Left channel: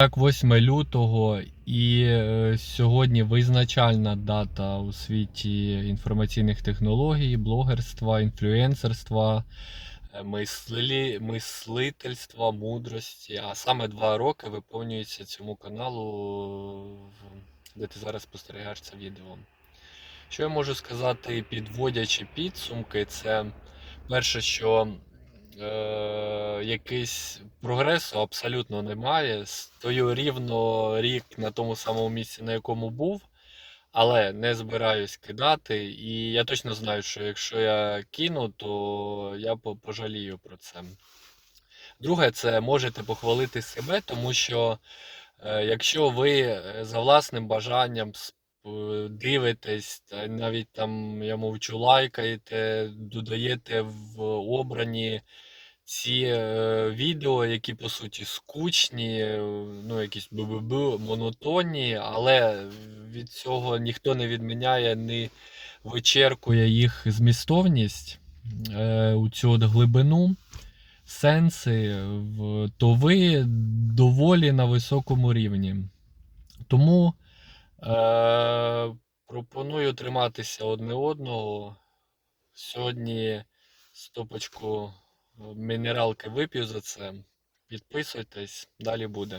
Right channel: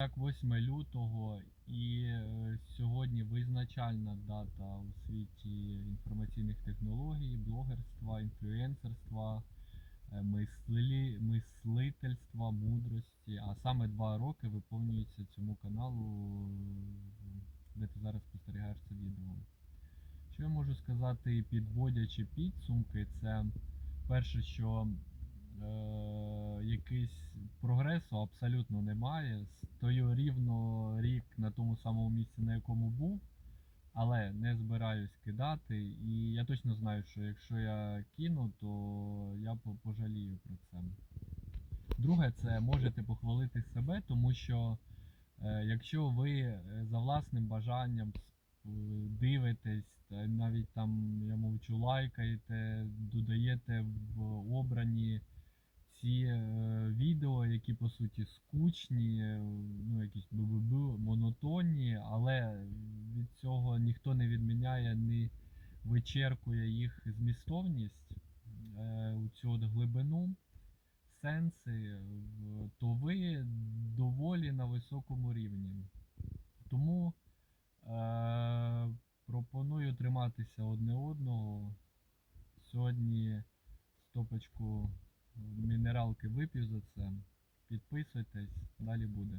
Так, 8 лютого, і е, сьогодні визначальна дата у світі інформаційних технологій, блогерства, інфлюенсерства, е, мислі, мислительства, мудрості. А саме два роки виповнюється цьому каналу, де ти зараз спостерігаєш це відео. Що я можу сказати, підводячи підсумки, це перше, що е, якийсь прогресу абсолютно немає. Стою рівно рік на тому самому місці, на якому був, але не збираюсь кидати. І я точно знаю, що якщо я кину, то я по- пожалію про це. Друге, це можете похвалити себе, тому що е, якщо ви е, за власним бажанням дивитесь, навіть там я мовчу, лайкаєте, додаєте в обрані ці е, відео, які по суті скучні, е, ну якісь бу-бу-бу, монотонні, але від цього ніхто не відміняє, не вичеркує їх змістовність е, у цю от глибину, сенси, то ви доволі на високому рівні. Тому е, пропоную триматися одне одного. Сьогодні стопочку мінералки вип'ю за це. Підписуйтесь, далі буде.